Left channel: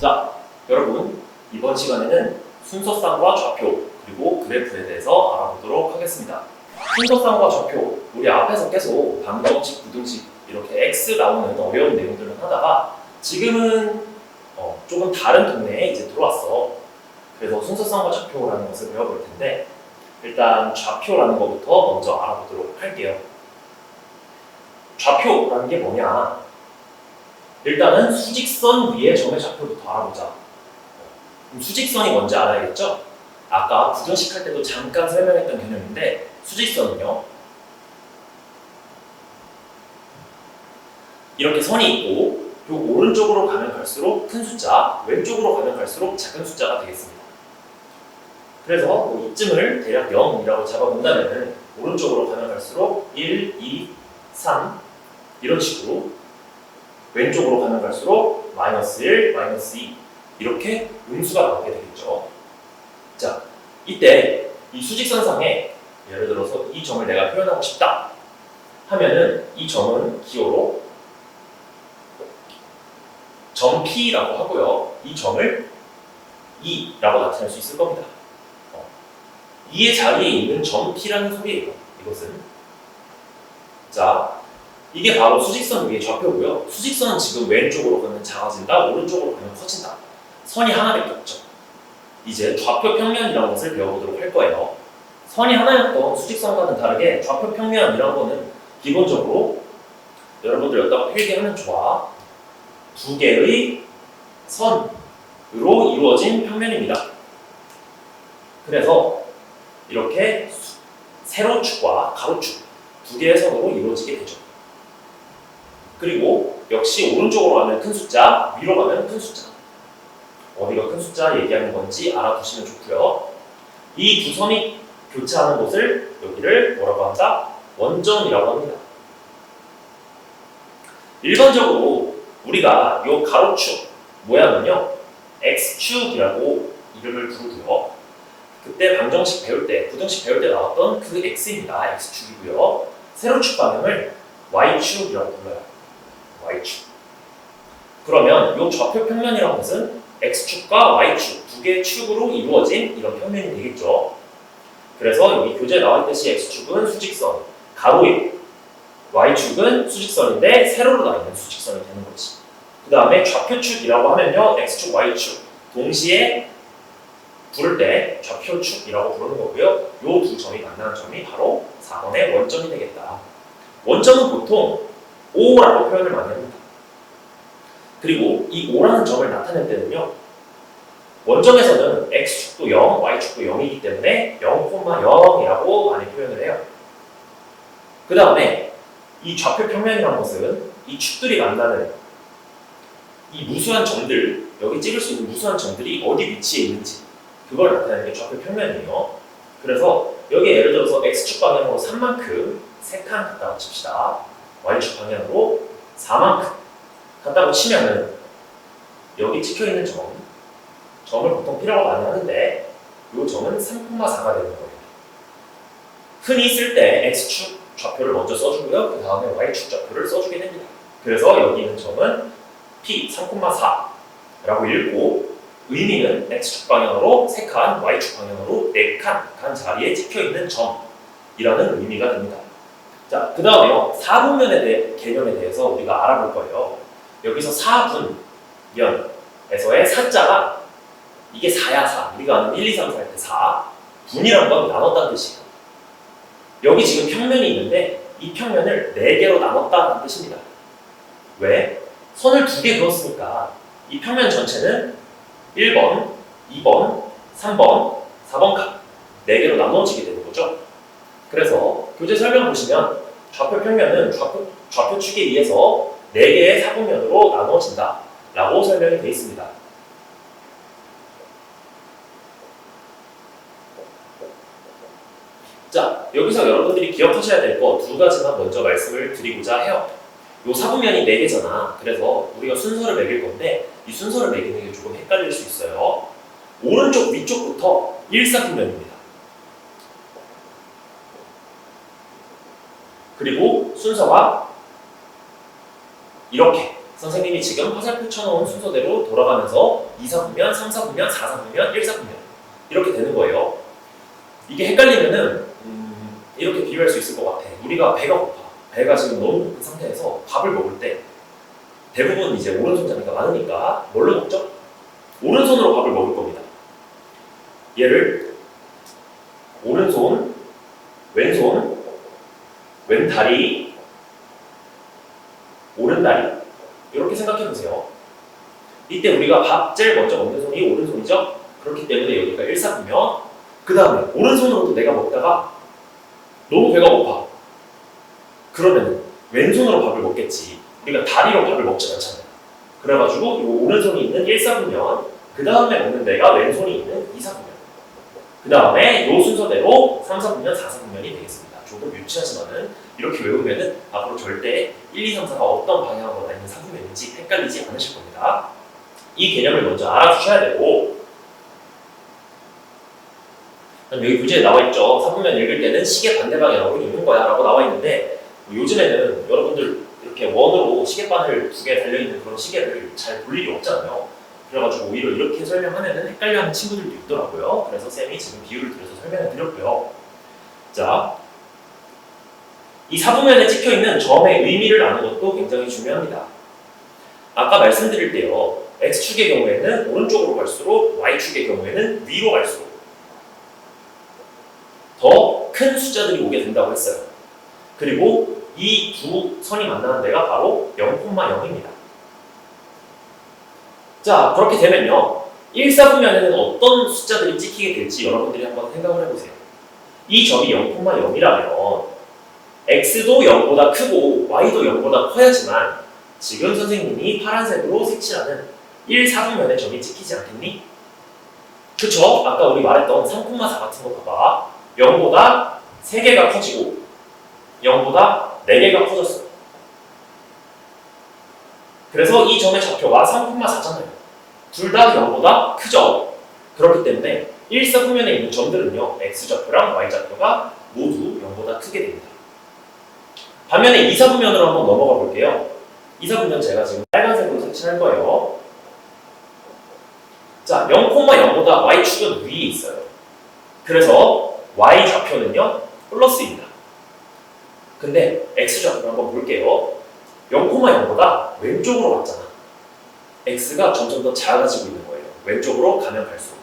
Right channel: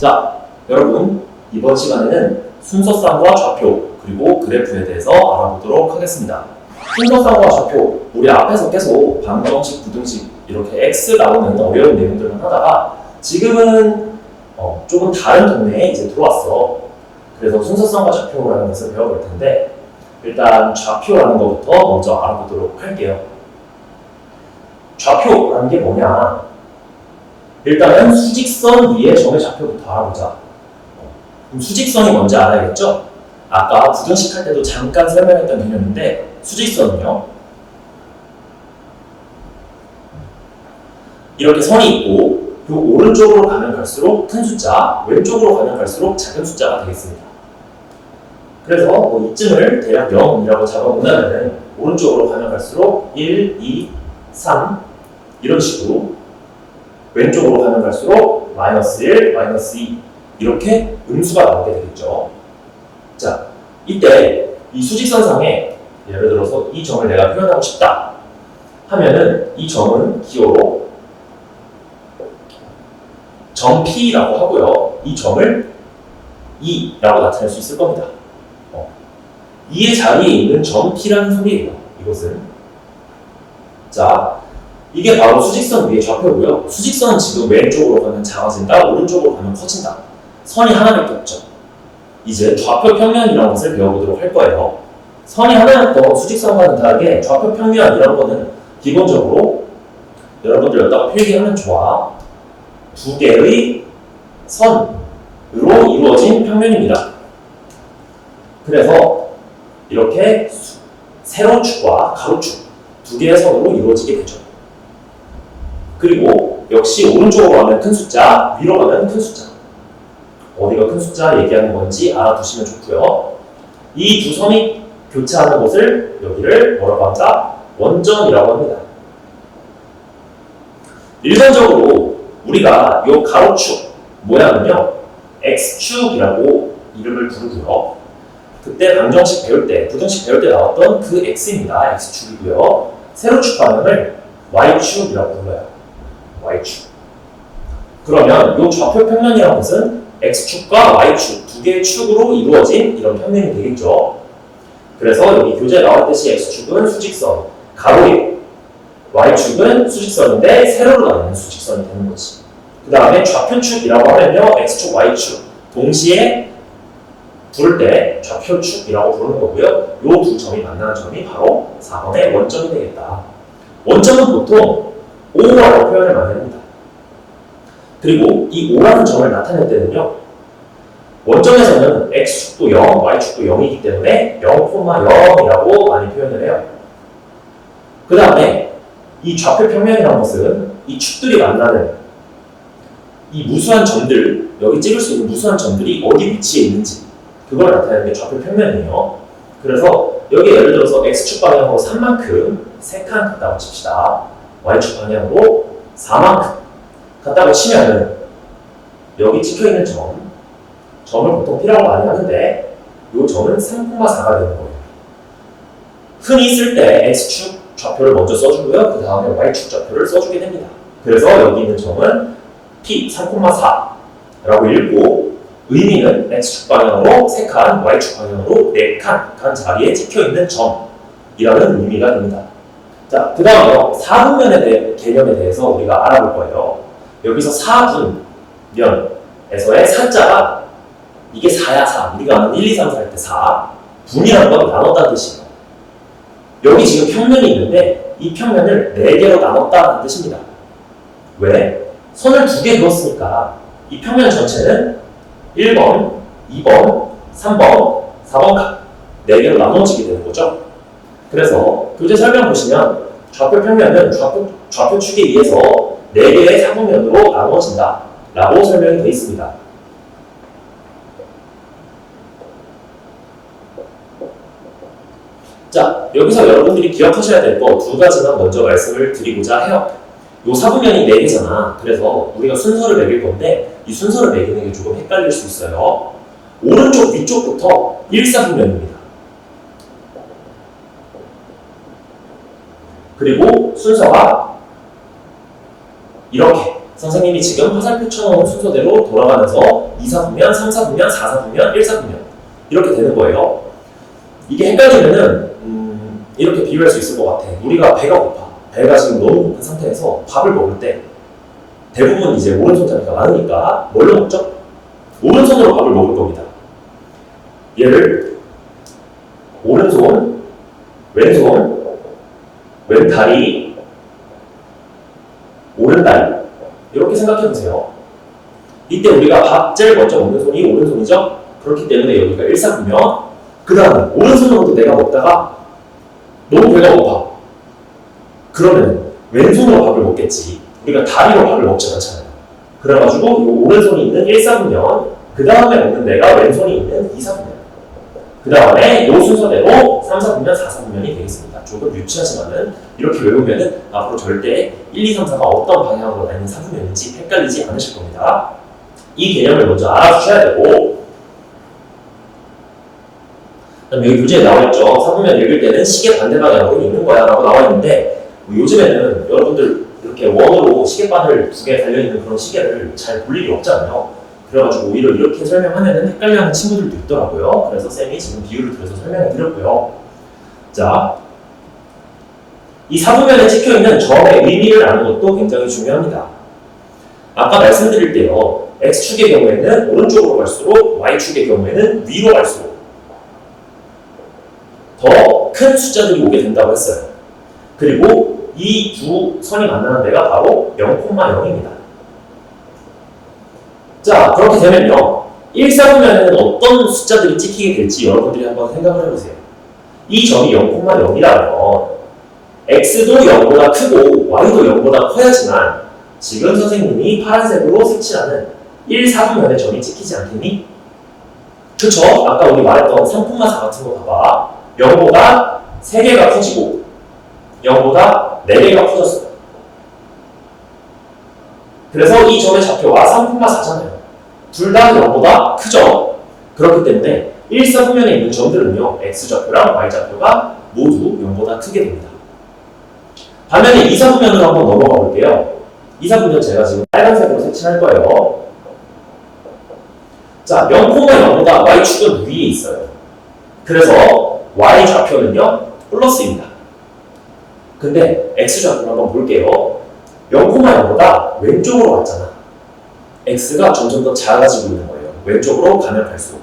자, 여러분 이번 시간에는 순서쌍과 좌표 그리고 그래프에 대해서 알아보도록 하겠습니다. 순서쌍과 좌표, 우리 앞에서 계속 방정식, 부등식 이렇게 X 나오는 어려운 내용들만 하다가 지금은 조금 다른 동네에 이제 들어왔어. 그래서 순서쌍과 좌표라는 것을 배워볼 텐데 일단 좌표라는 것부터 먼저 알아보도록 할게요. 좌표라는 게 뭐냐? 일단은 수직선 위의 점의 좌표부터 알아보자. 그럼 수직선이 뭔지 알아야겠죠? 아까 부등식 할 때도 잠깐 설명했던 개념인데 수직선은요, 이렇게 선이 있고 그 오른쪽으로 가면 갈수록 큰 숫자, 왼쪽으로 가면 갈수록 작은 숫자가 되겠습니다. 그래서 이쯤을 대략 0이라고 잡아보면 오른쪽으로 가면 갈수록 1, 2, 3 이런 식으로, 왼쪽으로 가면 갈수록 마이너스 1, 마이너스 2 이렇게 음수가 나오게 되겠죠. 자, 이때 이 수직선상에 예를 들어서 이 점을 내가 표현하고 싶다 하면은 이 점은 기호로 점 P라고 하고요. 이 점을 2라고 나타낼 수 있을 겁니다. 2의 자리에 있는 점 P라는 소리예요. 이것은. 자, 이게 바로 수직선 위의 좌표고요. 수직선은 지금 왼쪽으로 가면 작아진다, 오른쪽으로 가면 커진다. 선이 하나밖에 없죠. 이제 좌표 평면이라는 것을 배워보도록 할 거예요. 선이 하나였던 수직선과는 다르게 좌표 평면이라는 거는 기본적으로 여러분들 여기다가 필기하면 좋아. 두 개의 선으로 이루어진 평면입니다. 그래서 이렇게 세로축과 가로축 두 개의 선으로 이루어지게 되죠. 그리고 역시 오른쪽으로 가면 큰 숫자, 위로 가면 큰 숫자. 어디가 큰 숫자 얘기하는 건지 알아두시면 좋고요. 이 두 선이 교차하는 곳을 여기를 뭐라고 한다? 원점이라고 합니다. 일반적으로 우리가 이 가로축 모양은요, X축이라고 이름을 부르고요. 그때 방정식 배울 때, 부등식 배울 때 나왔던 그 X입니다. X축이고요. 세로축 방향을 Y축이라고 불러요. Y축. 그러면 이 좌표 평면이라는 것은 X축과 Y축 두 개의 축으로 이루어진 이런 평면이 되겠죠. 그래서 여기 교재에 나왔듯이 X축은 수직선, 가로이고 Y축은 수직선인데 세로로 나가는 수직선이 되는 거지. 그 다음에 좌표축이라고 하면요, X축, Y축 동시에 부를 때 좌표축이라고 부르는 거고요. 이 두 점이 만나는 점이 바로 4번의 원점이 되겠다. 원점은 보통 O라고 표현을 많이 합니다. 그리고 이 O라는 점을 나타낼 때는요, 원점에서는 X축도 0, Y축도 0이기 때문에 0,0이라고 많이 표현을 해요. 그 다음에 이 좌표 평면이라는 것은 이 축들이 만나는 이 무수한 점들, 여기 찍을 수 있는 무수한 점들이 어디 위치에 있는지 그걸 나타내는 게 좌표 평면이에요. 그래서 여기 예를 들어서 X축 방향으로 3만큼 3칸 갔다고 칩시다. Y축 방향으로 4만큼 갔다고 치면은 여기 찍혀있는 점을 보통 P라고 많이 하는데 이 점은 3,4가 되는 거예요. 흔히 쓸 때 X축 좌표를 먼저 써주고요. 그 다음에 Y축 좌표를 써주게 됩니다. 그래서 여기 있는 점은 P 3,4라고 읽고 의미는 X축 방향으로 3칸, Y축 방향으로 4칸 간 자리에 찍혀있는 점이라는 의미가 됩니다. 자, 그 다음에 4분면에 대해 개념에 대해서 우리가 알아볼 거예요. 여기서 4분면에서의 4자가 이게 4야 4. 우리가 아는 1, 2, 3, 4 할 때 4. 분이라는 건 나눴다는 뜻이에요. 여기 지금 평면이 있는데 이 평면을 4개로 나눴다는 뜻입니다. 왜? 선을 2개 그었으니까 이 평면 전체는 1번, 2번, 3번, 4번 각 4개로 나눠지게 되는 거죠. 그래서 교재 설명 보시면 좌표 평면은 좌표축에 의해서 4개의 사분면으로 나눠진다 라고 설명이 되어 있습니다. 자, 여기서 여러분들이 기억하셔야 될 거 2가지만 먼저 말씀을 드리고자 해요. 요 사분면이 4개잖아. 그래서 우리가 순서를 매길 건데 이 순서를 매기는 게 조금 헷갈릴 수 있어요. 오른쪽 위쪽부터 1사분면입니다. 그리고 순서가 이렇게 선생님이 지금 화살표 쳐놓은 순서대로 돌아가면서 2, 4분면, 3, 4분면, 4, 4분면, 1, 4분면 이렇게 되는 거예요. 이게 헷갈리면은 이렇게 비유할 수 있을 것 같아. 우리가 배가 고파. 배가 지금 너무 고픈 상태에서 밥을 먹을 때 대부분 이제 오른손잡이가 많으니까 뭘로 먹죠? 오른손으로 밥을 먹을 겁니다. 얘를 오른손, 왼손, 왼다리, 오른다리 이렇게 생각해 보세요. 이때 우리가 밥 제일 먼저 먹는 손이 오른손이죠? 그렇기 때문에 여기가 1, 4분면 그 다음에 오른손으로도 내가 먹다가 너무 배가 고파. 그러면 왼손으로 밥을 먹겠지. 우리가 다리로 밥을 먹지 않잖아요. 그래가지고 이 오른손이 있는 1, 4분면 그 다음에 먹는 데가 왼손이 있는 2, 4분면 그 다음에 이 순서대로 3, 4분면, 4, 4분면이 되겠습니다. 조금 유치하지만은 이렇게 외우면은 앞으로 절대 1, 2, 3, 4가 어떤 방향으로 나뉘는 4분면인지 헷갈리지 않으실 겁니다. 이 개념을 먼저 알아주셔야 되고 그다음 여기 문제에 나와있죠. 4분면 읽을 때는 시계 반대 방향으로 읽는 거야 라고 나와있는데 요즘에는 여러분들 이렇게 원으로 시계바늘 2개 달려있는 그런 시계를 잘 볼 일이 없잖아요. 그래가지고 오히려 이렇게 설명하면 헷갈려하는 친구들도 있더라고요. 그래서 쌤이 지금 비유를 들어서 설명을 드렸고요. 자, 이 4분면에 찍혀있는 점의 의미를 아는 것도 굉장히 중요합니다. 아까 말씀드릴 때요. X축의 경우에는 오른쪽으로 갈수록 Y축의 경우에는 위로 갈수록 더 큰 숫자들이 오게 된다고 했어요. 그리고 이 두 선이 만나는 데가 바로 0,0입니다. 자, 그렇게 되면요. 1, 4분면에는 어떤 숫자들이 찍히게 될지 여러분들이 한번 생각을 해보세요. 이 점이 0,0이라면 X도 0보다 크고 Y도 0보다 커야지만 지금 선생님이 파란색으로 색칠하는 1, 4분면의 점이 찍히지 않겠니? 그쵸? 아까 우리 말했던 3콤마4 같은 거 봐봐. 0보다 3개가 커지고 0보다 4개가 커졌어요. 그래서 이 점의 좌표가 3,4잖아요. 둘 다 0보다 크죠? 그렇기 때문에 1, 4분면에 있는 점들은요. X좌표랑 Y좌표가 모두 0보다 크게 됩니다. 반면에 2, 4분면으로 한번 넘어가 볼게요. 2, 4분면 제가 지금 빨간색으로 색칠할 거예요. 자, 0,0보다 Y축은 위에 있어요. 그래서 Y좌표는요. 플러스입니다. 근데 X좌표를 한번 볼게요. 0,0보다 왼쪽으로 왔잖아. X가 점점 더 작아지고 있는 거예요. 왼쪽으로 가면 갈수록.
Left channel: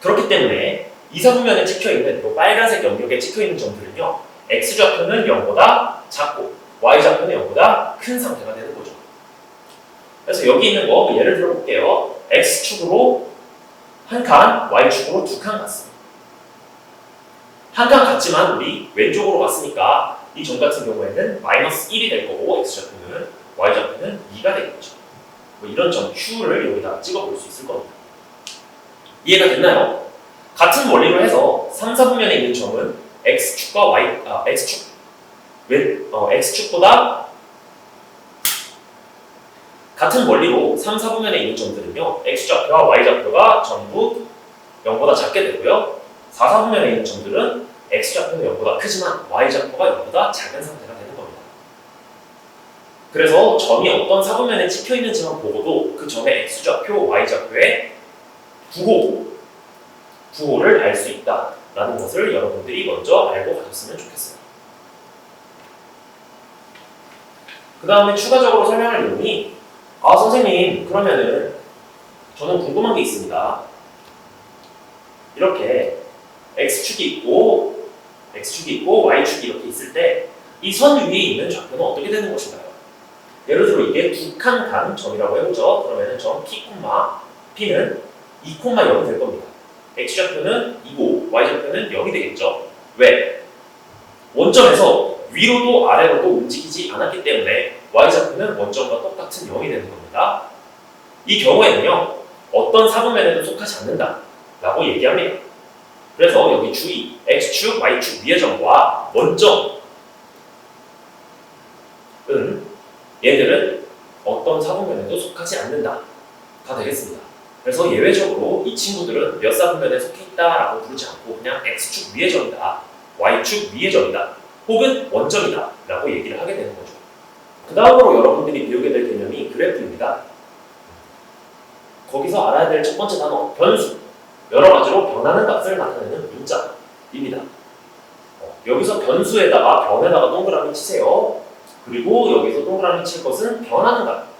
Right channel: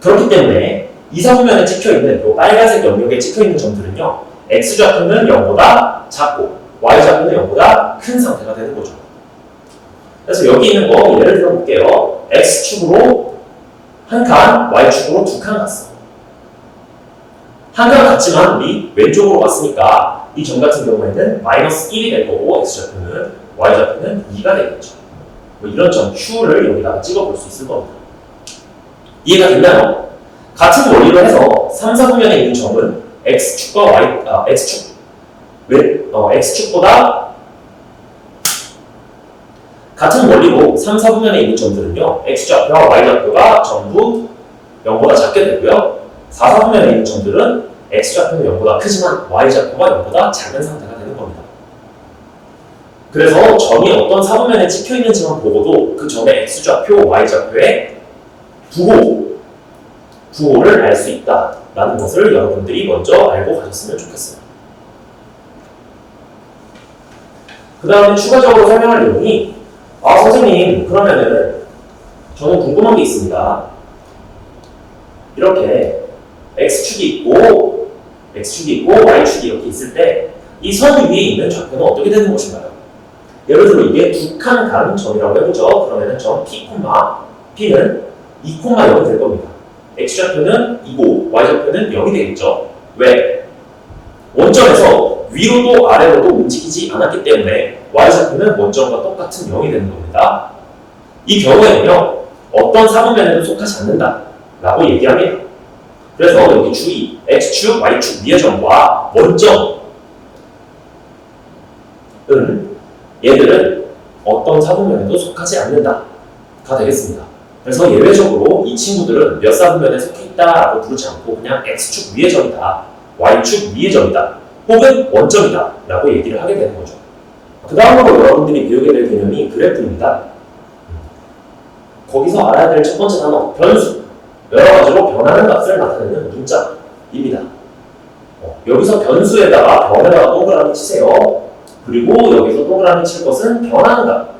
그렇기 때문에 2, 4분면에 찍혀있는 이 빨간색 영역에 찍혀있는 점들은요. X좌표는 0보다 작고 Y좌표는 0보다 큰 상태가 되는 거죠. 그래서 여기 있는 거 예를 들어 볼게요. X축으로 한 칸, Y축으로 2칸 갔어. 한 칸 갔지만 우리 왼쪽으로 왔으니까 이 점 같은 경우에는 마이너스 1이 될 거고 X좌표는 Y좌표는 2가 되겠죠. 뭐 이런 점 Q를 여기다 찍어볼 수 있을 겁니다. 이해가 됐나요? 같은 원리로 해서 3, 4분면에 있는 점은 X축과 X축보다 같은 원리로 3, 4분면에 있는 점들은요. X좌표와 Y좌표가 전부 0보다 작게 되고요. 4, 4분면에 있는 점들은 X좌표는 0보다 크지만 Y좌표가 0보다 작은 상태가 되는 겁니다. 그래서 점이 어떤 4분면에 찍혀있는지만 보고도 그 점의 X좌표, Y좌표의 부호를 알 수 있다라는 것을 여러분들이 먼저 알고 가셨으면 좋겠어요. 그 다음에 추가적으로 설명할 내용이 선생님 그러면은 저는 궁금한 게 있습니다. 이렇게 X축이 있고 Y축이 이렇게 있을 때 이 선 위에 있는 좌표는 어떻게 되는 것인가요? 예를 들어 이게 2칸 가는 점이라고 해보죠. 그러면은 점 P는 2,0이 될 겁니다. X좌표는 2고 Y좌표는 0이 되겠죠. 왜? 원점에서 위로도 아래로도 움직이지 않았기 때문에 Y좌표는 원점과 똑같은 0이 되는 겁니다. 이 경우에는요. 어떤 4분면에도 속하지 않는다 라고 얘기합니다. 그래서 여기 주의, X축, Y축 위의 점과 원점은 얘들은 어떤 4분면에도 속하지 않는다 가 되겠습니다. 그래서 예외적으로 이 친구들은 몇 4분면에 속해 있다라고 부르지 않고 그냥 X축 위의 점이다, Y축 위의 점이다, 혹은 원점이다 라고 얘기를 하게 되는 거죠. 그 다음으로 여러분들이 배우게 될 개념이 그래프입니다. 거기서 알아야 될 첫 번째 단어, 변수. 여러 가지로 변하는 값을 나타내는 문자입니다. 여기서 변수에다가 변에다가 동그라미 치세요. 그리고 여기서 동그라미 칠 것은 변하는 값.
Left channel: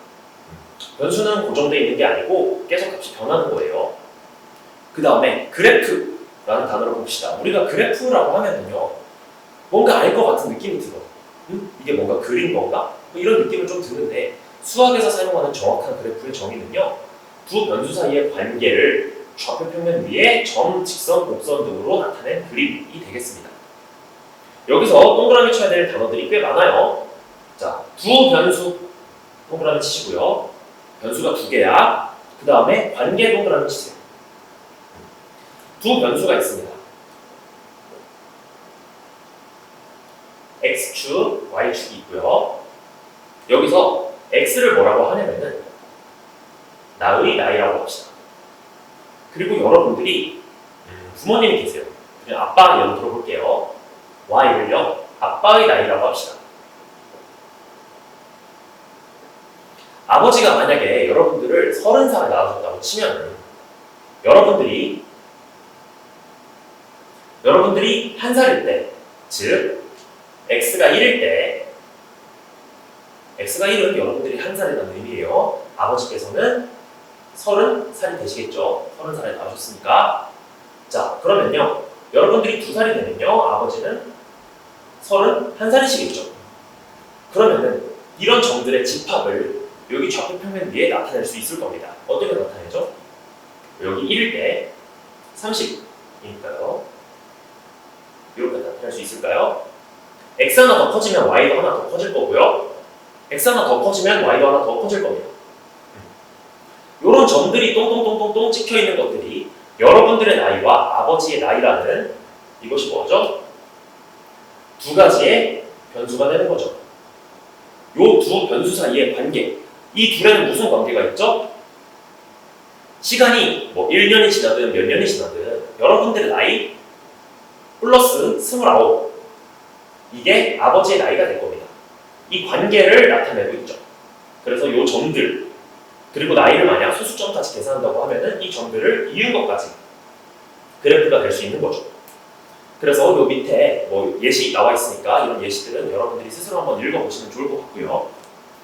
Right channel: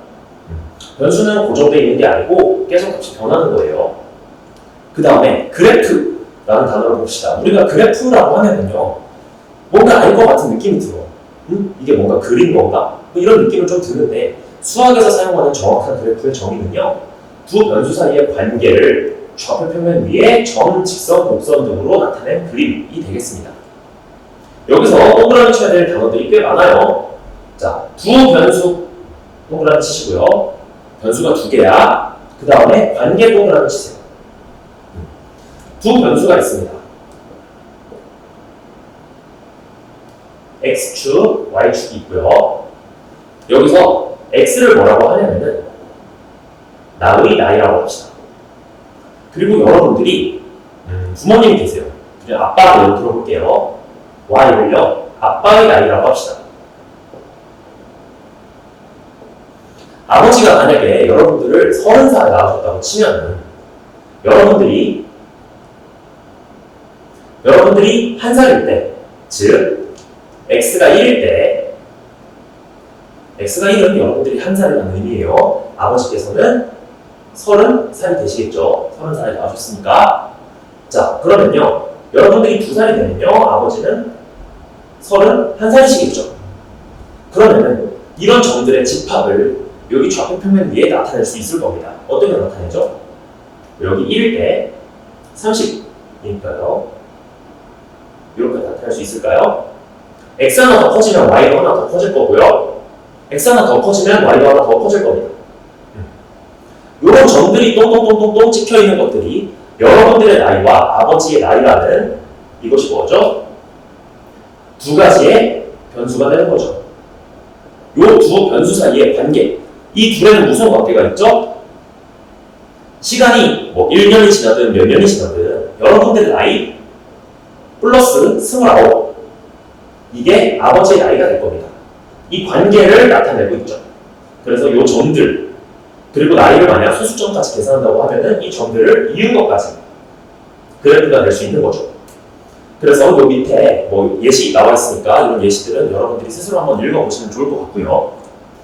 변수는 고정되어 있는 게 아니고 계속 값이 변하는 거예요. 그 다음에 그래프라는 단어를 봅시다. 우리가 그래프라고 하면은요, 뭔가 알 것 같은 느낌이 들어. 이게 뭔가 그린 건가? 이런 느낌은 좀 드는데, 수학에서 사용하는 정확한 그래프의 정의는요, 두 변수 사이의 관계를 좌표 표면 위에 점, 직선, 곡선 등으로 나타낸 그림이 되겠습니다. 여기서 동그라미 쳐야 될 단어들이 꽤 많아요. 자, 두 변수 동그라미 치시고요. 변수가 두 개야. 그 다음에 관계 동그라미 치세요. 두 변수가 있습니다. X축, Y축이 있고요. 여기서 X를 뭐라고 하냐면은 나의 나이라고 합시다. 그리고 여러분들이 부모님이 계세요. 그냥 아빠를 예로 들어볼게요. Y를요, 아빠의 나이라고 합시다. 아버지가 만약에 여러분들을 30살에 낳으셨다고 치면은 여러분들이 1살일 때, 즉 X가 1일 때, X가 1은 여러분들이 1살이라는 의미예요. 아버지께서는 30살이 되시겠죠. 30살에 낳으셨으니까. 자, 그러면요, 여러분들이 2살이 되면요, 아버지는 31살이시겠죠. 그러면은 이런 점들의 집합을 여기 좌표 평면 위에 나타낼 수 있을 겁니다. 어떻게 나타내죠? 여기 1일 때 30이니까요. 이렇게 나타낼 수 있을까요? X 하나 더 커지면 Y가 하나 더 커질 거고요. X 하나 더 커지면 Y가 하나 더 커질 겁니다. 이런 점들이 똥똥똥똥똥 찍혀있는 것들이 여러분들의 나이와 아버지의 나이라는 이것이 뭐죠? 두 가지의 변수가 되는 거죠. 이 두 변수 사이의 관계, 이 둘에는 무슨 관계가 있죠? 시간이 뭐 1년이 지나든 몇 년이 지나든 여러분들의 나이 플러스 29, 이게 아버지의 나이가 될 겁니다. 이 관계를 나타내고 있죠. 그래서 이 점들, 그리고 나이를 만약 소수점까지 계산한다고 하면은 이 점들을 이은 것까지 그래프가 될 수 있는 거죠. 그래서 요 밑에 뭐 예시 나와 있으니까 이런 예시들은 여러분들이 스스로 한번 읽어보시면 좋을 것 같고요.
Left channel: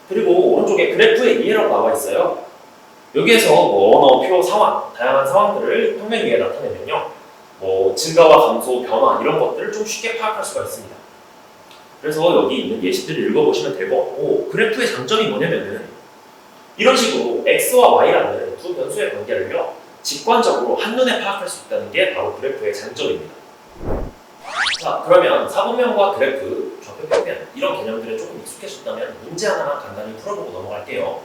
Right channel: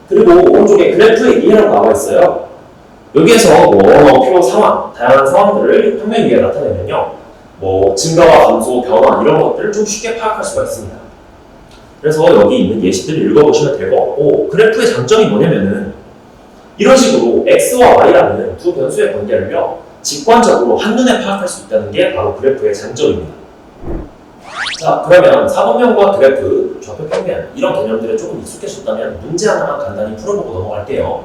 그리고 오른쪽에 그래프의 이해라고 나와 있어요. 여기에서 뭐 언어, 표, 상황, 다양한 상황들을 평면 위에 나타내면요, 뭐 증가와 감소, 변화 이런 것들을 좀 쉽게 파악할 수가 있습니다. 그래서 여기 있는 예시들을 읽어보시면 될 것 같고, 그래프의 장점이 뭐냐면은 이런 식으로 X와 Y라는 두 변수의 관계를요, 직관적으로 한눈에 파악할 수 있다는 게 바로 그래프의 장점입니다. 자, 그러면 사분면과 그래프, 좌표 평면 이런 개념들에 조금 익숙해졌다면 문제 하나만 간단히 풀어보고 넘어갈게요.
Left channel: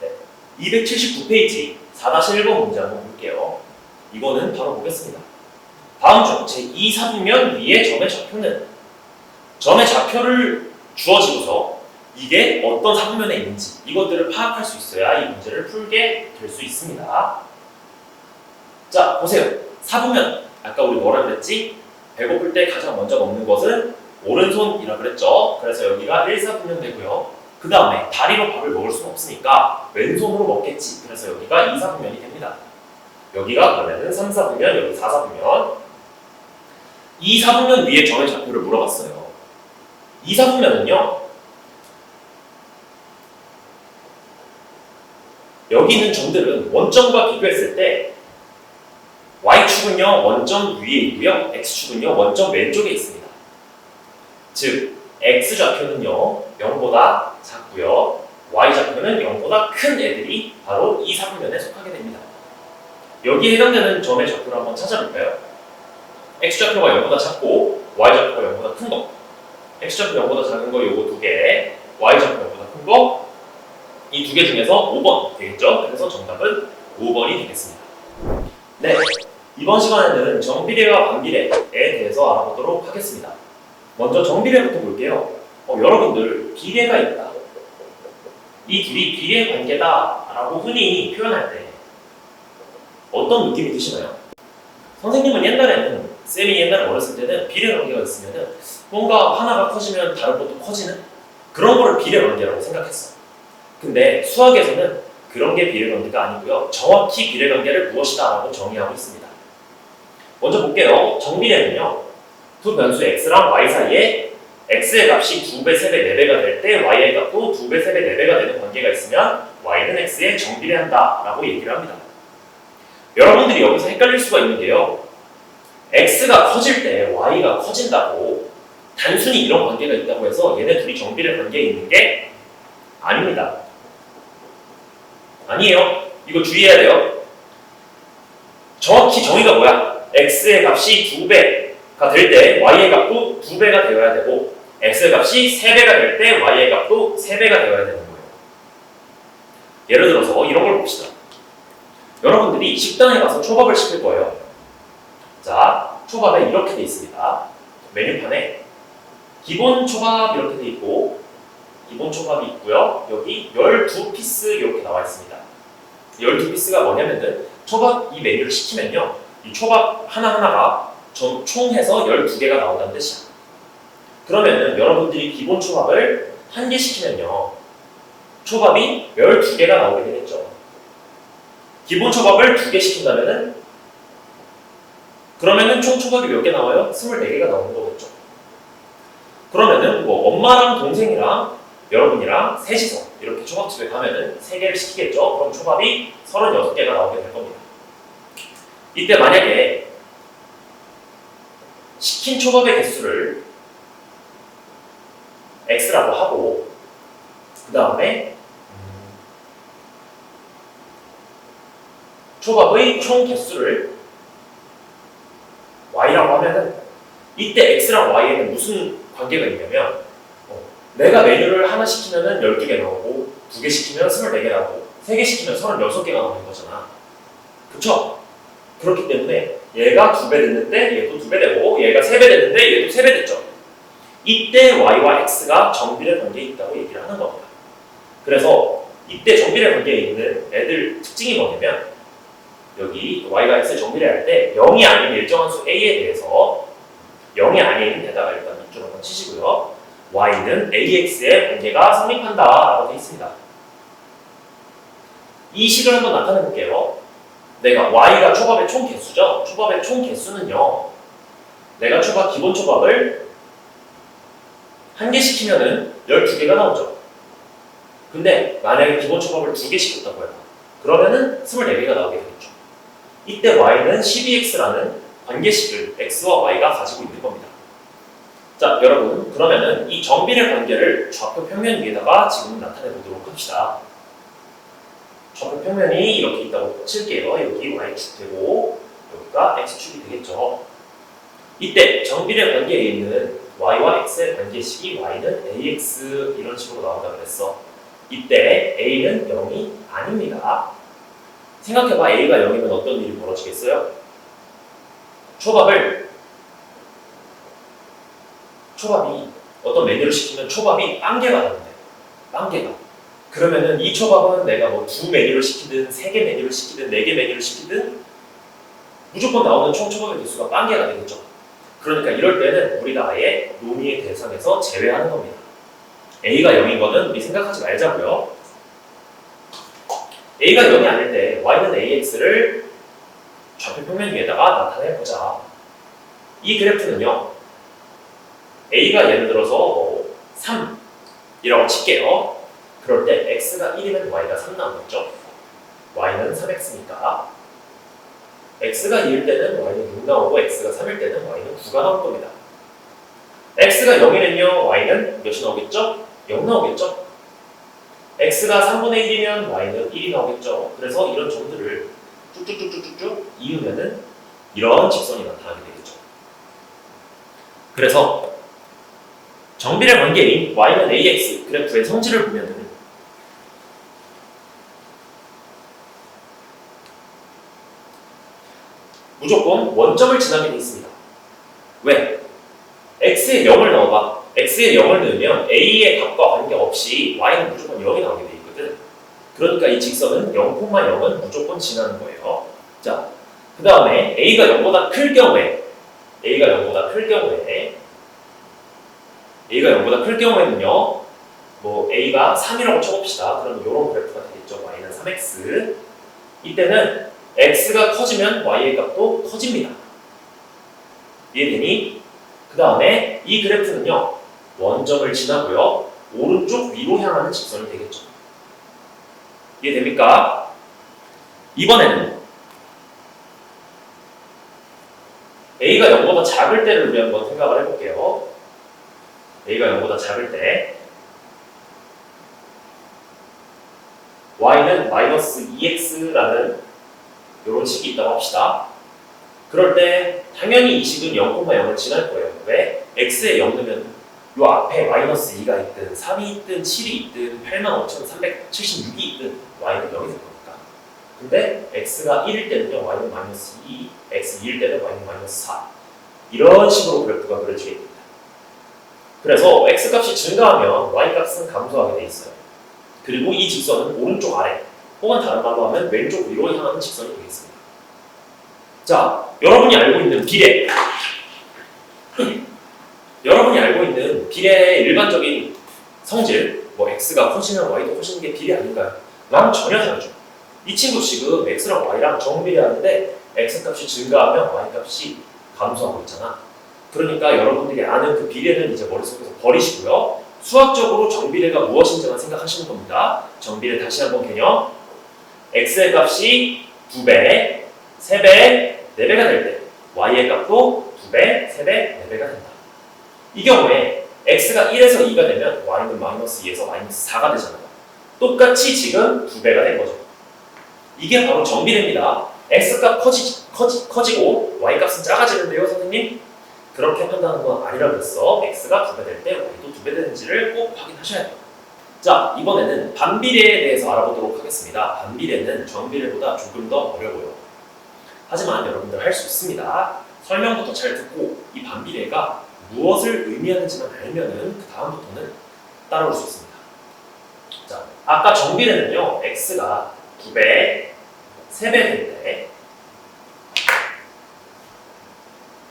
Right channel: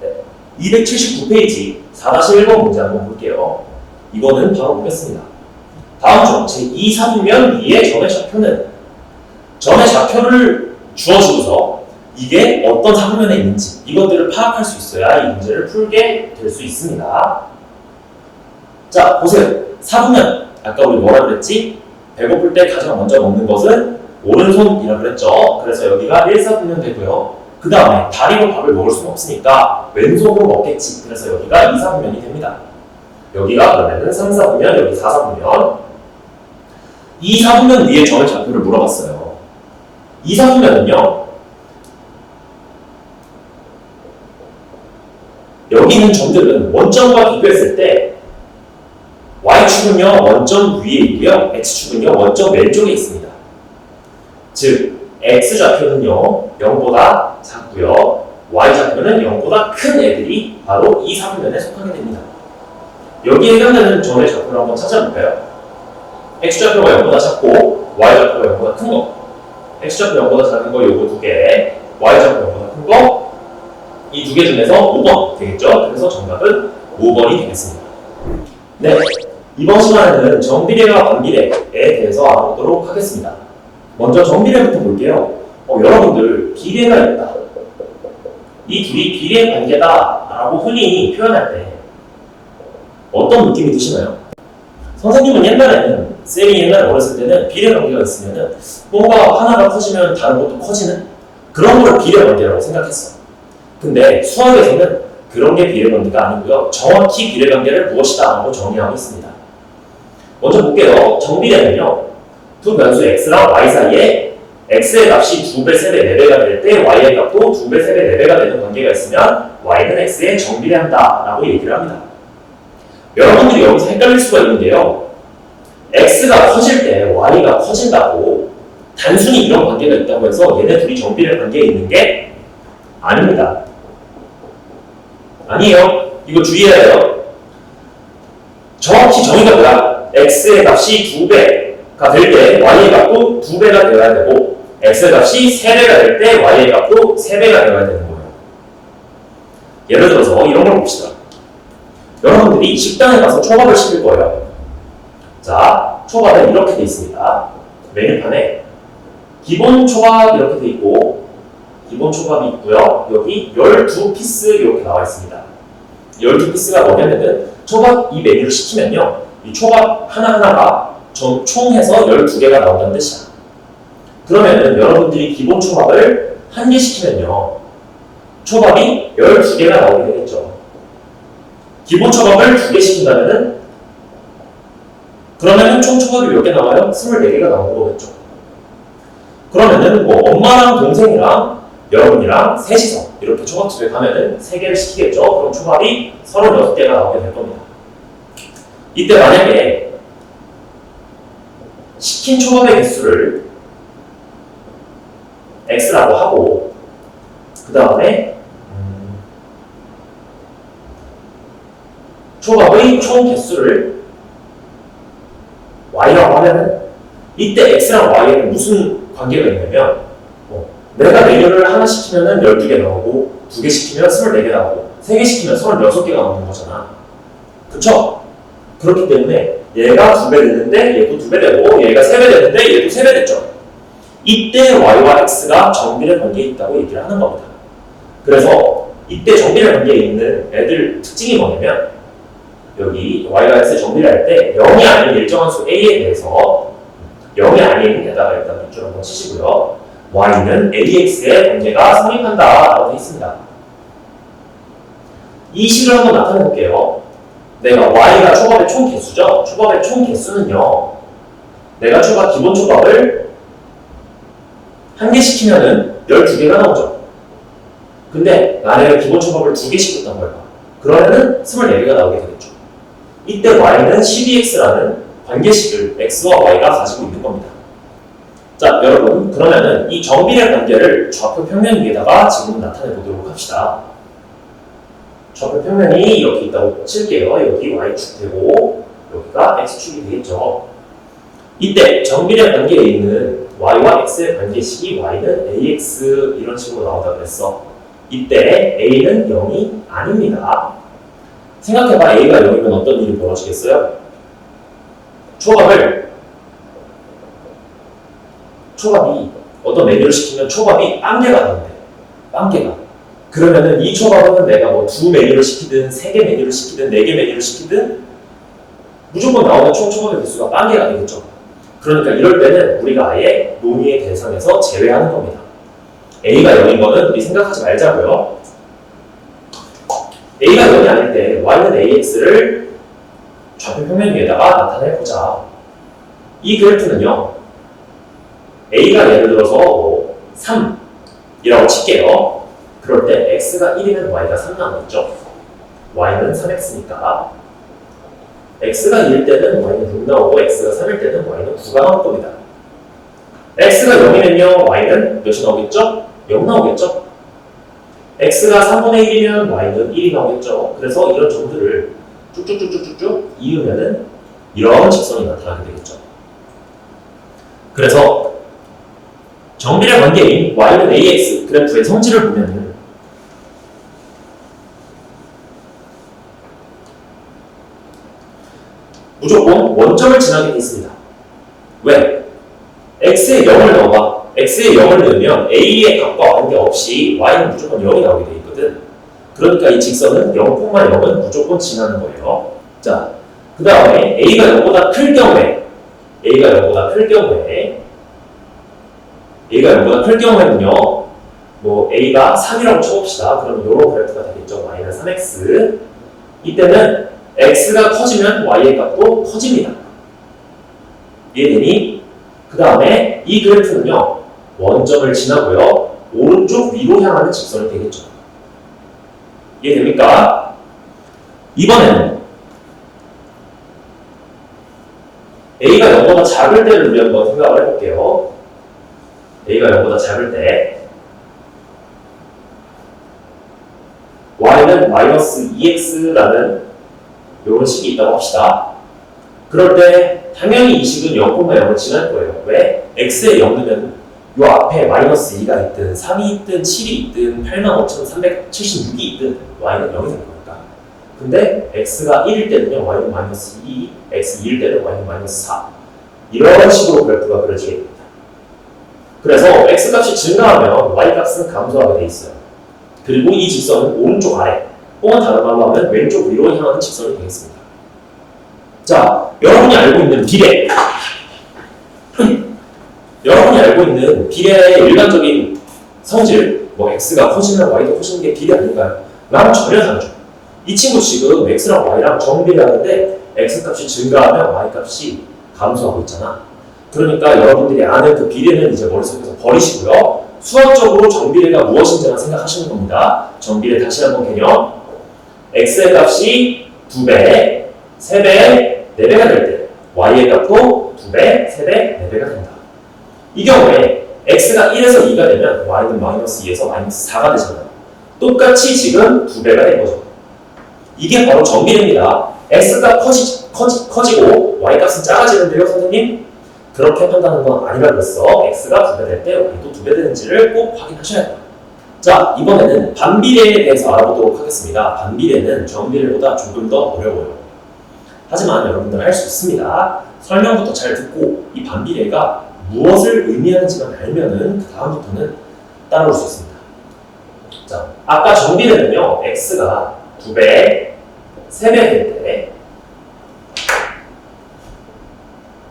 네, 279페이지 4-1번 문제 한번 볼게요. 이거는 바로 보겠습니다. 다음 중 제2 사분면 위의 점의 좌표는, 점의 좌표를 주어지고서 이게 어떤 사분면에 있는지 이것들을 파악할 수 있어야 이 문제를 풀게 될 수 있습니다. 자, 보세요. 사분면, 아까 우리 뭐라 그랬지? 배고플 때 가장 먼저 먹는 것은 오른손이라 그랬죠. 그래서 여기가 1사분면 되고요. 그 다음에 다리로 밥을 먹을 수는 없으니까 왼손으로 먹겠지. 그래서 여기가 2사분면이 됩니다. 여기가 그러면은 3사분면, 여기 4사분면. 2사분면 위에 점의 좌표를 물어봤어요. 2사분면은요, 여기 있는 점들은 원점과 비교했을 때 Y축은요, 원점 위에 있고요. X축은요, 원점 왼쪽에 있습니다. 즉, X좌표는요, 0보다 작고요. Y좌표는 0보다 큰 애들이 바로 이 사분면에 속하게 됩니다. 여기에 해당되는 점의 좌표를 한번 찾아볼까요? X좌표가 0보다 작고 Y좌표가 0보다 큰 거. X좌표 0보다 작은 거 요거 두 개, Y좌표 0보다 큰 거, 이 두 개 중에서 5번 되겠죠? 그래서 정답은 5번이 되겠습니다. 네, 이번 시간에는 정비례와 반비례에 대해서 알아보도록 하겠습니다. 먼저 정비례부터 볼게요. 여러분들 비례가 있다, 이 둘이 비례 관계다 라고 흔히 표현할 때 어떤 느낌이 드시나요? 선생님은 옛날에는, 쌤이 옛날에 어렸을 때는 비례 관계가 있으면은 뭔가 하나가 커지면 다른 것도 커지는 그런 걸 비례관계라고 생각했어. 근데 수학에서는 그런 게 비례관계가 아니고요. 정확히 비례관계를 무엇이다 라고 정의하고 있습니다. 먼저 볼게요. 정비례는요. 두 변수 x랑 y 사이에 x의 값이 2배, 3배, 4배가 될 때 y의 값도 2배, 3배, 4배가 되는 관계가 있으면 y는 x에 정비례한다 라고 얘기를 합니다. 여러분들이 여기서 헷갈릴 수가 있는데요. x가 커질 때 y가 커진다고 단순히 이런 관계가 있다고 해서 얘네 둘이 정비례 관계에 있는 게 아닙니다. 아니에요. 이거 주의해야 해요. 정확히 정의가 뭐야? x의 값이 2배가 될 때 y의 값도 2배가 되어야 되고 x의 값이 3배가 될 때 y의 값도 3배가 되어야 되는 거예요. 예를 들어서 이런 걸 봅시다. 여러분들이 식당에 가서 초밥을 시킬 거예요. 자, 초밥에 이렇게 돼 있습니다. 메뉴판에 기본 초밥 이렇게 돼 있고 기본 초밥이 있고요. 여기 12피스 이렇게 나와 있습니다. 12피스가 뭐냐면은 초밥 이 메뉴를 시키면요. 이 초밥 하나하나가 총해서 12개가 나온다는 뜻이야. 그러면은 여러분들이 기본 초밥을 한 개 시키면요. 초밥이 12개가 나오게 되겠죠. 기본 초밥을 2개 시킨다면은 그러면은 총 초밥이 몇 개 나와요? 24개가 나오는 거겠죠. 그러면은 뭐 엄마랑 동생이랑 여러분이랑 셋이서 이렇게 초밥집에 가면은 3개를 시키겠죠. 그럼 초밥이 36개가 나오게 될 겁니다. 이때 만약에 시킨 초밥의 개수를 x라고 하고 그 다음에 초밥의 총 개수를 y라고 하면은 이때 x랑 y에는 무슨 관계가 있냐면 내가 메뉴를 하나 시키면은 12개 나오고 2개 시키면 24개 나오고 3개 시키면 36개가 나오는 거잖아. 그쵸? 그렇기 때문에 얘가 2배 됐는데 얘도 2배 되고 얘가 3배 됐는데 얘도 3배 됐죠. 이때 y와 x가 정비례 관계에 있다고 얘기를 하는 겁니다. 그래서 이때 정비례 관계에 있는 애들 특징이 뭐냐면 여기 y가 x에 정비례할 때 0이 아닌 일정한 수 a에 대해서 0이 아닌 데다가 일단 밑줄 한번 치시고요. y는 ax의 관계가 성립한다 라고 되어 있습니다. 이 식을 한번 나타내 볼게요. 내가 y가 초밥의 총 개수죠. 초밥의 총 개수는요. 내가 기본 초밥을 한 개 시키면은 12개가 나오죠. 근데 만약에 기본 초밥을 2개 시켰단 말이야. 그러면은 24개가 나오게 되겠죠. 이때 y는 12x라는 관계식을 x와 y가 가지고 있는 겁니다. 자, 여러분, 그러면은 이 정비례 관계를 좌표 평면 위에다가 지금 나타내 보도록 합시다. 좌표 평면이 이렇게 있다고 칠게요. 여기 y축 되고 여기가 x축이 되겠죠. 이때 정비례 관계에 있는 y와 x의 관계식이 y는 ax 이런 식으로 나온다고 했어. 이때 a는 0이 아닙니다. 생각해봐. a가 0이면 어떤 일이 벌어지겠어요? 초밥이 어떤 메뉴를 시키면 초밥이 빵개가 되는데 빵개가 그러면은 이 초밥은 내가 뭐 2 메뉴를 시키든 3개 메뉴를 시키든 4개 메뉴를 시키든 무조건 나오는 총 초밥의 개수가 빵개가 되겠죠. 그러니까 이럴 때는 우리가 아예 논의의 대상에서 제외하는 겁니다. a가 0인 거는 우리 생각하지 말자고요. a가 0이 아닐 때 y는 ax를 좌표 평면 위에다가 나타내보자. 이 그래프는요. a가 예를 들어서 3이라고 칠게요. 그럴 때 x가 1이면 y가 3 나오겠죠. y는 3x니까 x가 2일 때는 y는 6 나오고 x가 3일 때는 y는 9가 나올 겁니다. x가 0이면요 y는 몇이 나오겠죠? 0 나오겠죠? x가 3분의 1이면 y는 1이 나오겠죠. 그래서 이런 점들을 쭉쭉쭉쭉쭉 이으면은 이런 직선이 나타나게 되겠죠. 그래서 정비례 관계인 y는 ax 그래프의 성질을 보면은 무조건 원점을 지나게 돼 있습니다. 왜? x에 0을 넣어봐. x에 0을 넣으면 a의 값과 관계없이 y는 무조건 0이 나오게 돼 있거든. 그러니까 이 직선은 0,0은 무조건 지나는 거예요. 자, 그 다음에 a가 0보다 클 경우에 a가 0보다 클 경우에는요 뭐 a가 3이라고 쳐봅시다. 그럼 이런 그래프가 되겠죠. y는 3x. 이때는 x가 커지면 y의 값도 커집니다. 이해되니? 그 다음에 이 그래프는요. 원점을 지나고요. 오른쪽 위로 향하는 직선이 되겠죠. 이해됩니까? 이번에는 a가 0보다 작을 때를 우리 한번 생각을 해볼게요. a가 0보다 작을 때 y는 마이너스 2x라는 이런 식이 있다고 합시다. 그럴 때 당연히 이 식은 0,0을 지날 거예요. 왜? x에 0 넣으면 요 앞에 마이너스 2가 있든 3이 있든 7이 있든 85,376이 있든 y는 0이 될 겁니다. 근데 x가 1일 때는요 y는 마이너스 2, x 2일 때는 y는 마이너스 4 이런 식으로 그래프가 그려지게 됩니다. 그래서 x 값이 증가하면 y 값은 감소하게 돼 있어요. 그리고 이 직선은 오른쪽 아래 또한 다른 말로 하면 왼쪽 위로 향하는 직선이 되겠습니다. 자, 여러분이 알고 있는 비례 여러분이 알고 있는 비례의 일반적인 성질 뭐 x가 커지면 y도 커지는 게 비례 아닌가요? 랑 전혀 다르죠. 이 친구 지금 x랑 y랑 정비례하는데 x 값이 증가하면 y 값이 감소하고 있잖아. 그러니까 여러분들이 아는 그 비례는 이제 머릿속에서 버리시고요. 수학적으로 정비례가 무엇인지만 생각하시는 겁니다. 정비례 다시 한번 개념. x의 값이 2배, 3배, 4배가 될 때 y의 값도 2배, 3배, 4배가 된다. 이 경우에 x가 1에서 2가 되면 y는 마이너스 2에서 마이너스 4가 되잖아요. 똑같이 지금 2배가 된 거죠. 이게 바로 정비례입니다. x값 커지고 y값은 작아지는데요, 선생님? 그렇게 한다는 건 아니라 그랬어. x가 2배 될 때 y도 2배 되는지를 꼭 확인하셔야 돼요. 자, 이번에는 반비례에 대해서 알아보도록 하겠습니다. 반비례는 정비례보다 조금 더 어려워요. 하지만 여러분들 할 수 있습니다. 설명부터 잘 듣고 이 반비례가 무엇을 의미하는지만 알면은 그 다음부터는 따라올 수 있습니다. 자, 아까 정비례는요, x가 2배, 3배 될 때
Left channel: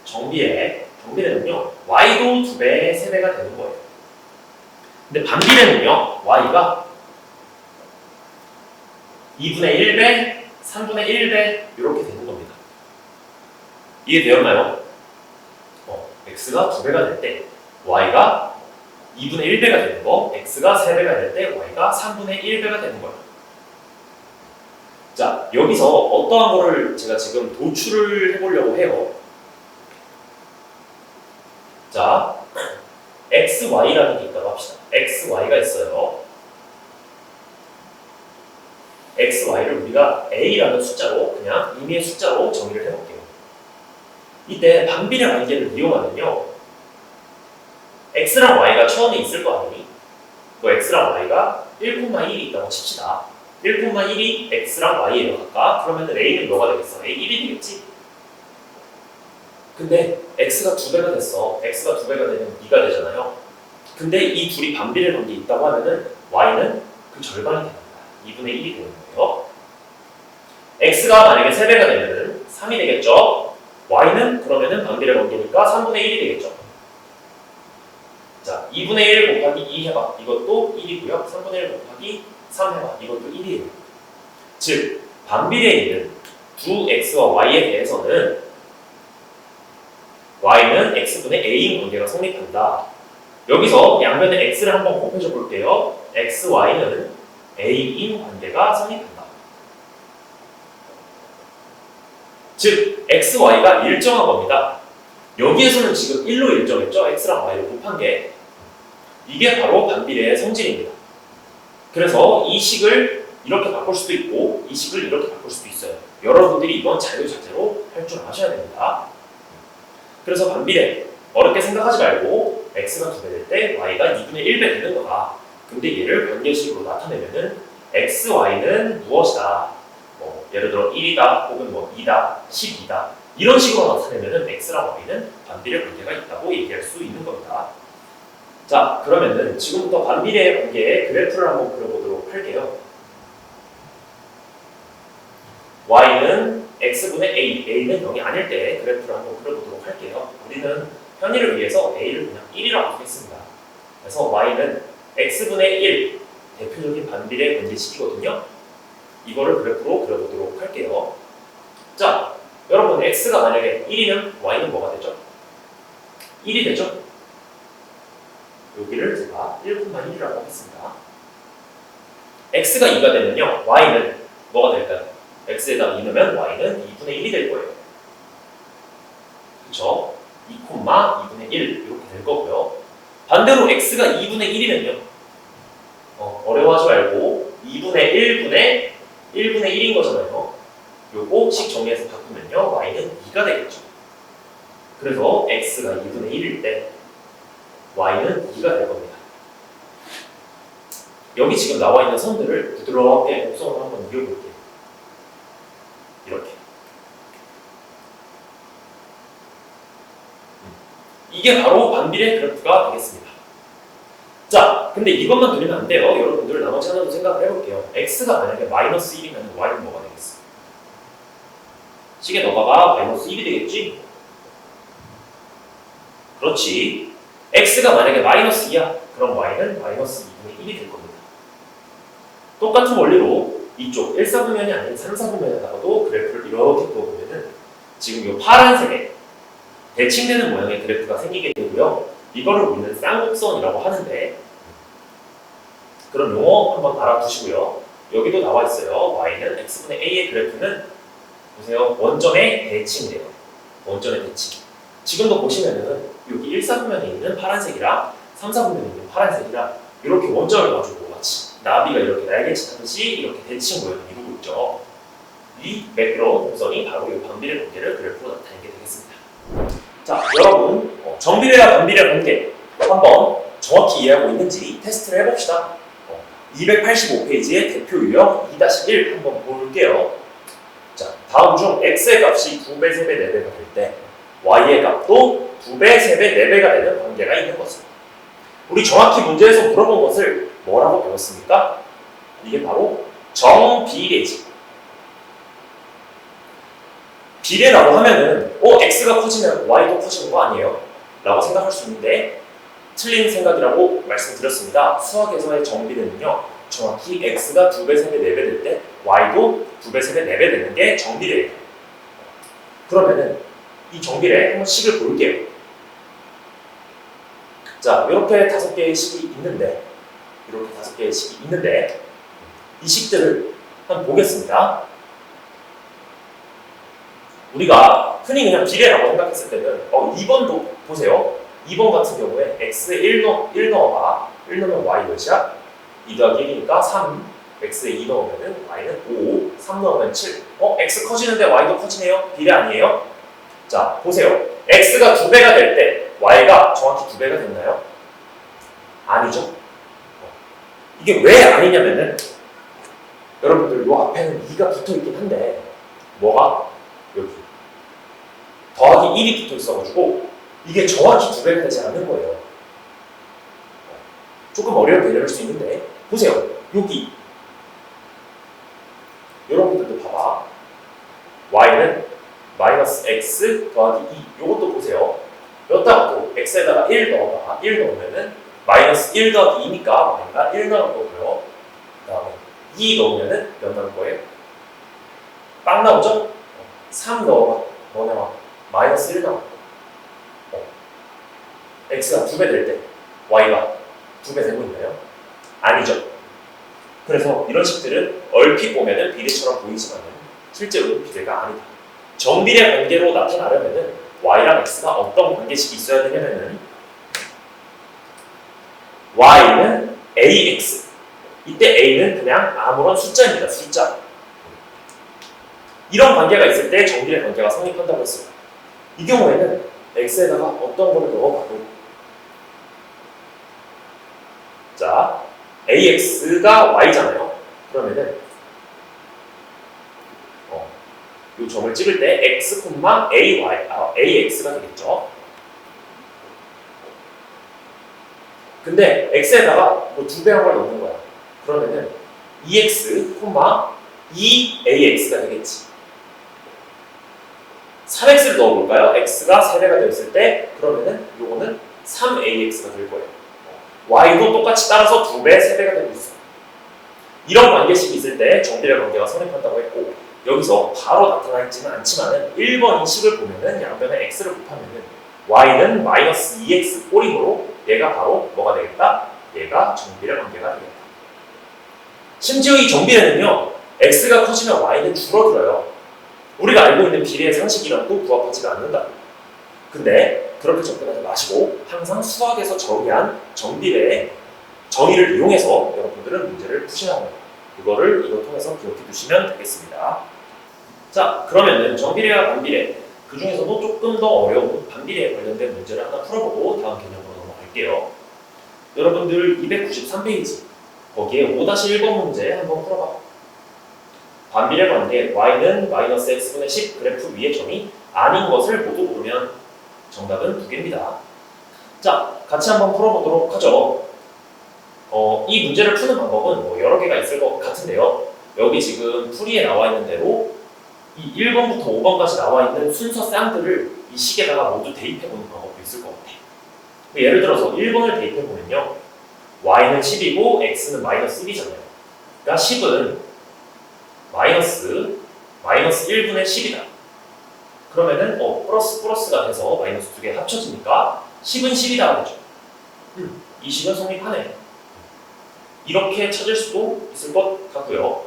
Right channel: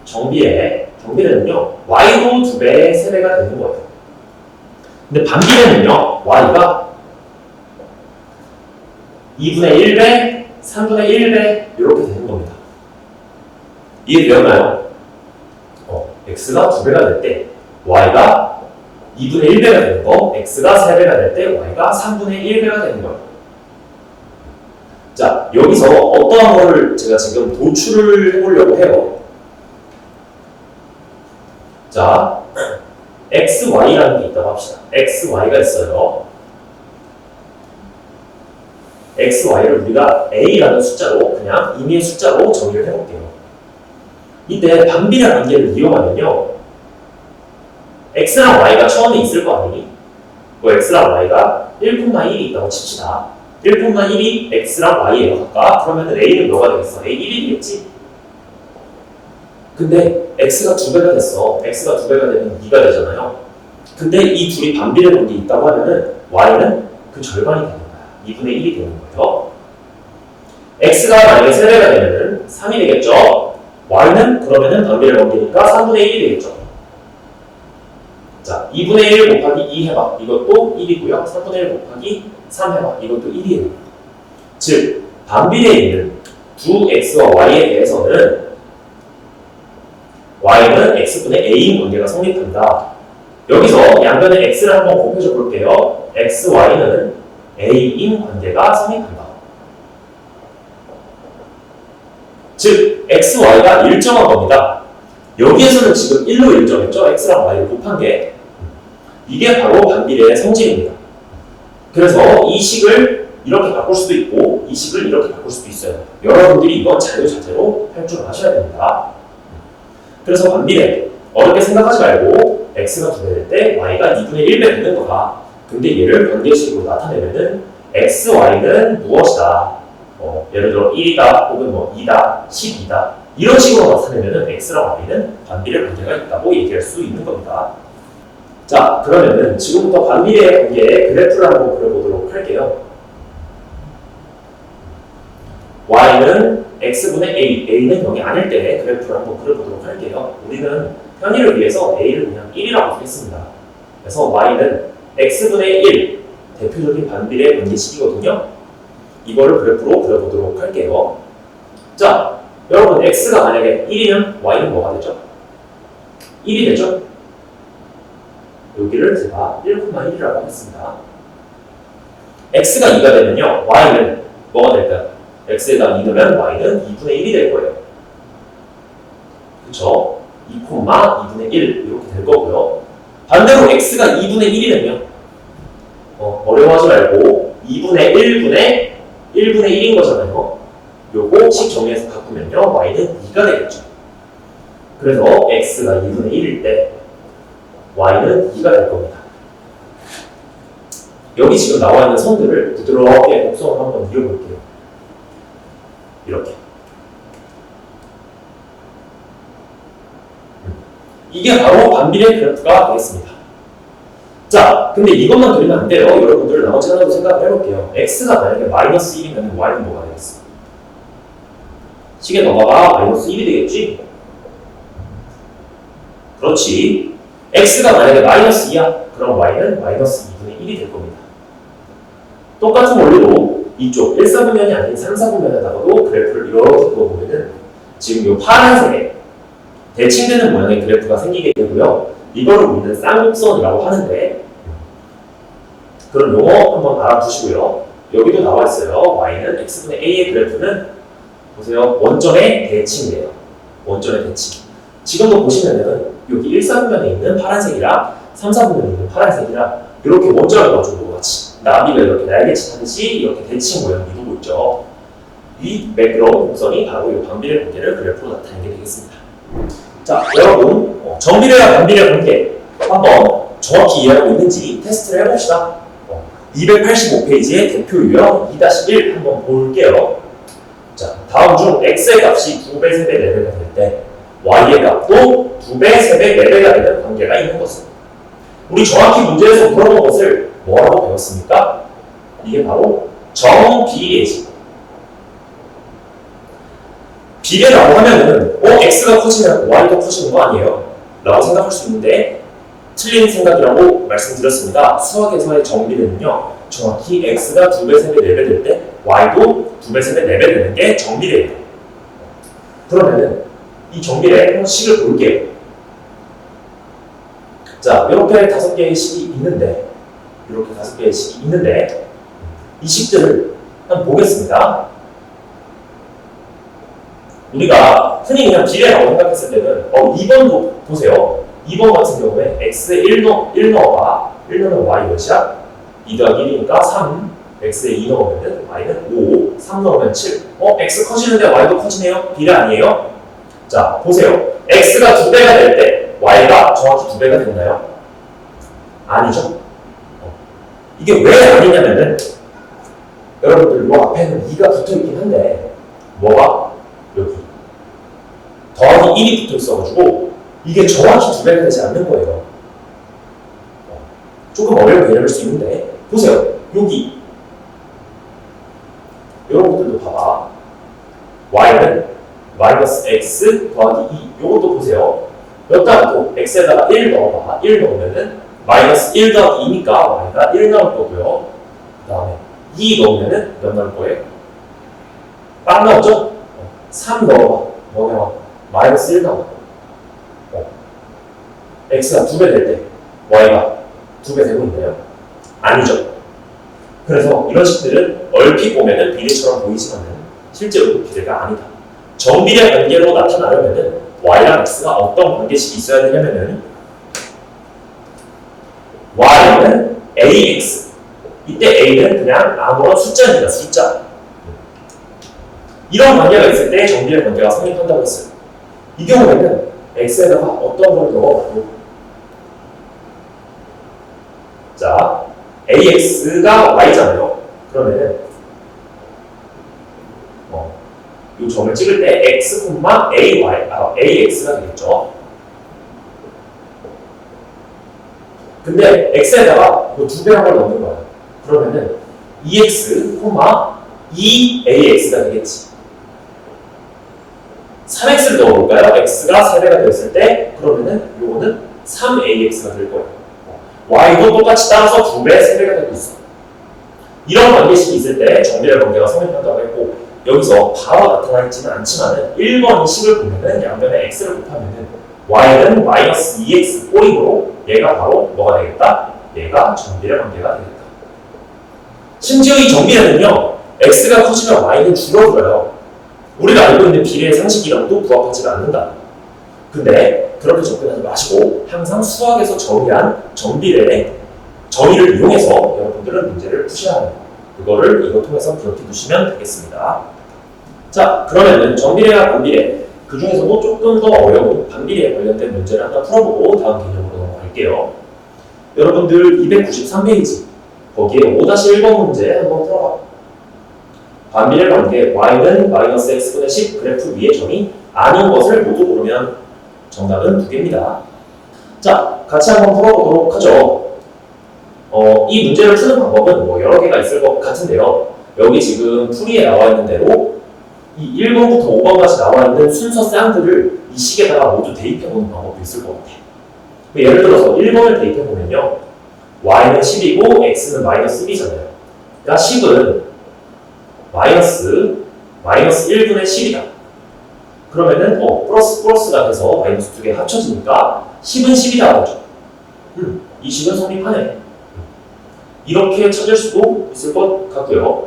정비례는요, y도 2배, 3배가 되는 거예요. 근데 반비례는요, y가 2분의 1배, 3분의 1배 이렇게 되는 겁니다. 이해되었나요? x가 2배가 될 때 y가 2분의 1배가 되는 거, x가 3배가 될 때 y가 3분의 1배가 되는 거예요. 자, 여기서 어떠한 거를 제가 지금 도출을 해보려고 해요. 자, xy라는 게 있다고 합시다. xy가 있어요. xy를 우리가 a라는 숫자로 그냥 임의의 숫자로 정의를 해볼게요. 이때 반비례 관계를 이용하면요, x랑 y가 처음에 있을 거 아니니? 뭐 x랑 y가 1,1이 있다고 칩시다. 1,1이 x랑 y예요, 각각. 그러면 a는 뭐가 되겠어? a 1이 되겠지? 근데 x가 2배가 됐어. x가 2배가 되면 2가 되잖아요. 근데 이 둘이 반비례 관계에 있다고 하면은 y는 그 절반이 되는 거야. 2분의 1이 되는 거예요. x가 만약에 3배가 되면은 3이 되겠죠? y는 그러면은 반비례 관계니까 3분의 1이 되겠죠? 자, 2분의 1 곱하기 2 해봐. 이것도 1이고요. 3분의 1 곱하기 3 해봐. 이것도 1이에요. 즉, 반비례에 있는 두 x와 y에 대해서는 y는 x분의 a인 관계가 성립한다. 여기서 양변에 x를 한번 곱해줘 볼게요. x, y는 a인 관계가 성립한다. 즉, x, y가 일정한 겁니다. 여기에서는 지금 1로 일정했죠? x랑 y를 곱한 게. 이게 바로 반비례의 성질입니다. 그래서 이 식을 이렇게 바꿀 수도 있고 이 식을 이렇게 바꿀 수도 있어요. 여러분들이 이건 자유자재로 할 줄 아셔야 됩니다. 그래서 반비례, 어렵게 생각하지 말고 x가 2배 될 때 y가 2분의 1배 되는 거다. 근데 얘를 관계식으로 나타내면은 x, y는 무엇이다. 예를 들어 1이다 혹은 뭐 2다, 12다 이런 식으로 나타내면은 x랑 y는 반비례 관계가 있다고 얘기할 수 있는 겁니다. 자, 그러면은 지금부터 반비례 관계의 그래프를 한번 그려보도록 할게요. y는 x분의 a는 0이 아닐 때 그래프를 한번 그려보도록 할게요. 우리는 편의를 위해서 a를 그냥 1이라고 했습니다. 그래서 y는 x분의 1 대표적인 반비례 관계식이거든요. 이거를 그래프로 그려보도록 할게요. 자, 여러분 x가 만약에 1이면 y는 뭐가 되죠? 1이 되죠? 여기를 제가 1,1이라고 하겠습니다. x가 2가 되면요, y는 뭐가 될까요? x에다 2 넣으면 y는 2분의 1이 될 거예요. 그쵸? 2,2분의 1 이렇게 될 거고요. 반대로 x가 2분의 1이면요, 어려워하지 말고 2분의 1분의 1인 거잖아요. 요거 식 정리해서 바꾸면요, y는 2가 되겠죠. 그래서 x가 2분의 1일 때 y는 2가 될 겁니다. 여기 지금 나와 있는 선들을 부드럽게 곡선을 한번 그려볼게요. 이렇게. 이게 바로 반비례 그래프가 되겠습니다. 자, 근데 이것만 그리면 안 돼요. 여러분들 나머지 하나도 생각을 해볼게요. x가 만약에 마이너스 1이면 y는 뭐가 되겠어? 식의 넘어가 마이너스 1이 되겠지? 그렇지. x가 만약에 마이너스 2야, 그럼 y는 마이너스 2분의 1이 될 겁니다. 똑같은 원리로 이쪽 1사분면이 아닌 3사분면에다가도 그래프를 이렇게 그어보면은 지금 이 파란색에 대칭되는 모양의 그래프가 생기게 되고요. 이걸 우리는 쌍곡선이라고 하는데, 그런 용어 한번 알아두시고요. 여기도 나와 있어요. y는 x분의 a의 그래프는 보세요. 원점에 대칭돼요. 원점에 대칭. 지금도 보시면은 여기 1사분면에 있는 파란색이랑 3사분면에 있는 파란색이랑 이렇게 원점을 가지고 같이 나비가 이렇게 날개짓 하듯이 이렇게 대칭 모양을 이루고 있죠. 이 매끄러운 곡선이 바로 이 반비례 관계를 그래프로 나타내게 되겠습니다. 자, 여러분 정비례와 반비례 관계 한번 정확히 이해하고 있는지 테스트를 해봅시다. 285페이지의 대표 유형 2-1 한번 볼게요. 자, 다음 중 x의 값이 2배, 3배, 4배가 될 때 y의 값도 2배, 3배, 4배가 되는 관계가 있는 것은, 우리 정확히 문제에서 물어본 것을 뭐라고 배웠습니까? 이게 바로 정비례지. 비례라고 하면은 x가 커지면 y도 커지는 거 아니에요? 라고 생각할 수 있는데 틀린 생각이라고 말씀드렸습니다. 수학에서의 정비례는요, 정확히 x가 2배, 3배, 4배 될 때 y도 2배, 3배, 4배 되는 게 정비례예요. 그러면은 이 정비례 식을 볼게요. 자, 이렇게 5개의 식이 있는데, 이 식들을 한번 보겠습니다. 우리가 흔히 그냥 비례라고 생각했을 때는 2번도 보세요. 2번 같은 경우에 x에 1 넣어봐. 1 넣으면 y 몇이야? 2 더하기 1이니까 3. x에 2 넣으면 y는 5. 3 넣으면 7. x 커지는데 y도 커지네요? 비례 아니에요? 자, 보세요. x가 2배가 될 때 y가 정확히 2배가 됐나요? 아니죠. 이게 왜 아니냐면은 여러분들 요 앞에는 2가 붙어있긴 한데 뭐가? 여기 더하기 1이 붙어있어가지고 이게 정확히 2배가 되지 않는 거예요. 조금 어려운 개념일 수 있는데 보세요. 여기 여러분들도 봐봐. y는 마이너스 x 더하기 2. 요것도 보세요. 여기다 또 x에다가 1 넣어봐. 1 넣으면은 마이너스 1 더하기 2니까 y가 1 나올 거고요. 그 다음에 2 넣으면은 몇 나올 거예요? 빵 나오죠? 3 넣어봐. 뭐 나와? 마이너스 1 나올 거예요. x가 2배 될 때 y가 2배 되고 있나요? 아니죠. 그래서 이런 식들은 얼핏 보면은 비례처럼 보이지만은 실제로 비례가 아니다. 정비례 관계로 나타나려면은 y랑 x가 어떤 관계식이 있어야 되냐면은 y는 ax. 이때 a는 그냥 아무런 숫자입니다. 숫자. 이런 관계가 있을 때 정비례 관계가 성립한다고 했어요. 이 경우에는 x에다가 어떤 걸 넣어봐도, 자, ax가 y잖아요. 그러면은 이 점을 찍을 때 x, ax가 되겠죠. 근데 x에다가 뭐 2배란 걸 넣는 거야. 그러면은 2x, 2ax가 되겠지. 3x를 넣어볼까요? x가 3배가 되었을 때 그러면은 이거는 3ax가 될 거예요. y도 똑같이 따라서 2배, 3배가 되고 있어. 이런 관계식이 있을 때 정비례 관계가 성립한다고 했고, 여기서 바로 나타나지는 않지만은 1번 식을 보면은 양변에 x를 곱하면은 y는 마이너스 2x 꼬림으로 얘가 바로 뭐가 되겠다? 얘가 정비례 관계가 되겠다. 심지어 이 정비례는요, x가 커지면 y는 줄어들어요. 우리가 알고 있는 비례의 상식이랑도 부합하지가 않는다. 근데 그렇게 접근하지 마시고 항상 수학에서 정의한 정비례의 정의를 이용해서 여러분들은 문제를 푸시라는 거예요. 그거를 이거 통해서 기억해 두시면 되겠습니다. 자, 그러면은 정비례와 반비례, 그 중에서도 조금 더 어려운 반비례에 관련된 문제를 하나 풀어보고 다음 개념으로 넘어갈게요. 여러분들 293페이지 거기에 5-1번 문제 한번 풀어봐. 반비례 관계 y는 마이너스 x분의 10 그래프 위의 점이 아닌 것을 모두 고르면 정답은 2개입니다. 자, 같이 한번 풀어보도록 하죠. 이 문제를 푸는 방법은 뭐 여러 개가 있을 것 같은데요. 여기 지금 풀이에 나와 있는 대로 이 1번부터 5번까지 나와 있는 순서 쌍들을 이 식에다가 모두 대입해보는 방법도 있을 것 같아요. 예를 들어서 1번을 대입해보면요. y는 10이고 x는 마이너스 1이잖아요. 그러니까 10은 마이너스 1분의 10이다. 그러면은 플러스가 돼서 마이너스 2개 합쳐지니까 10은 10이다 하죠. 이 식은 성립하네. 이렇게 찾을 수도 있을 것 같고요.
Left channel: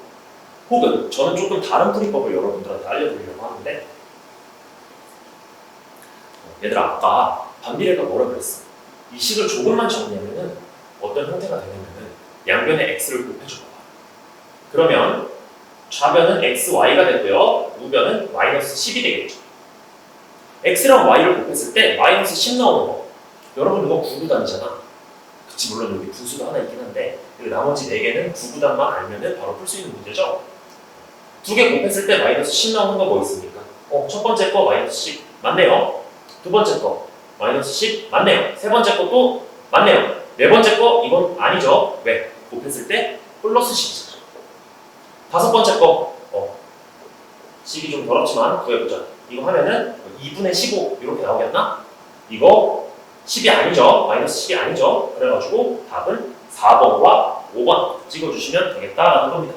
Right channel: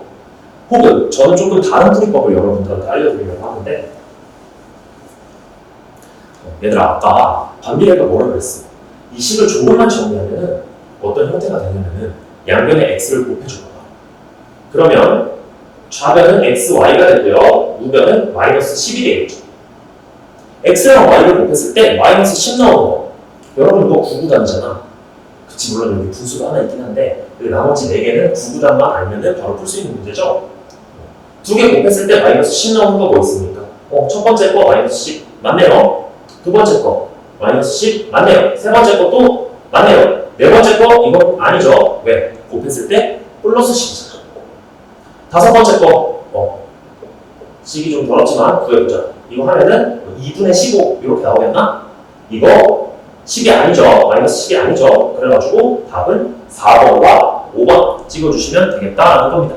혹은 저는 조금 다른 풀이법을 여러분들한테 알려드리려고 하는데, 얘들아 아까 반비례가 뭐라 그랬어? 이 식을 조금만 정리하면은 어떤 형태가 되냐면은 양변에 x를 곱해줘봐. 그러면 좌변은 xy가 되고요. 우변은 마이너스 10이 되겠죠. x랑 y를 곱했을 때 마이너스 10 나오는 거. 여러분 이거 구구단이잖아. 그치, 물론 여기 분수가 하나 있긴 한데 나머지 4개는 구구단만 알면은 바로 풀 수 있는 문제죠. 2개 곱했을 때 마이너스 10 나오는 거 뭐 있습니까? 첫 번째 거 마이너스 10 맞네요. 두 번째 거 마이너스 10 맞네요. 세 번째 것도 맞네요. 네 번째 거 이건 아니죠. 왜? 곱했을 때 플러스 10이잖아. 다섯 번째 거 식이 좀 더럽지만 구해보자. 이거 하면은 2분의 15 이렇게 나오겠나? 이거 10이 아니죠. 마이너스 10이 아니죠. 그래가지고 답은 4번과 5번 찍어주시면 되겠다라는 겁니다.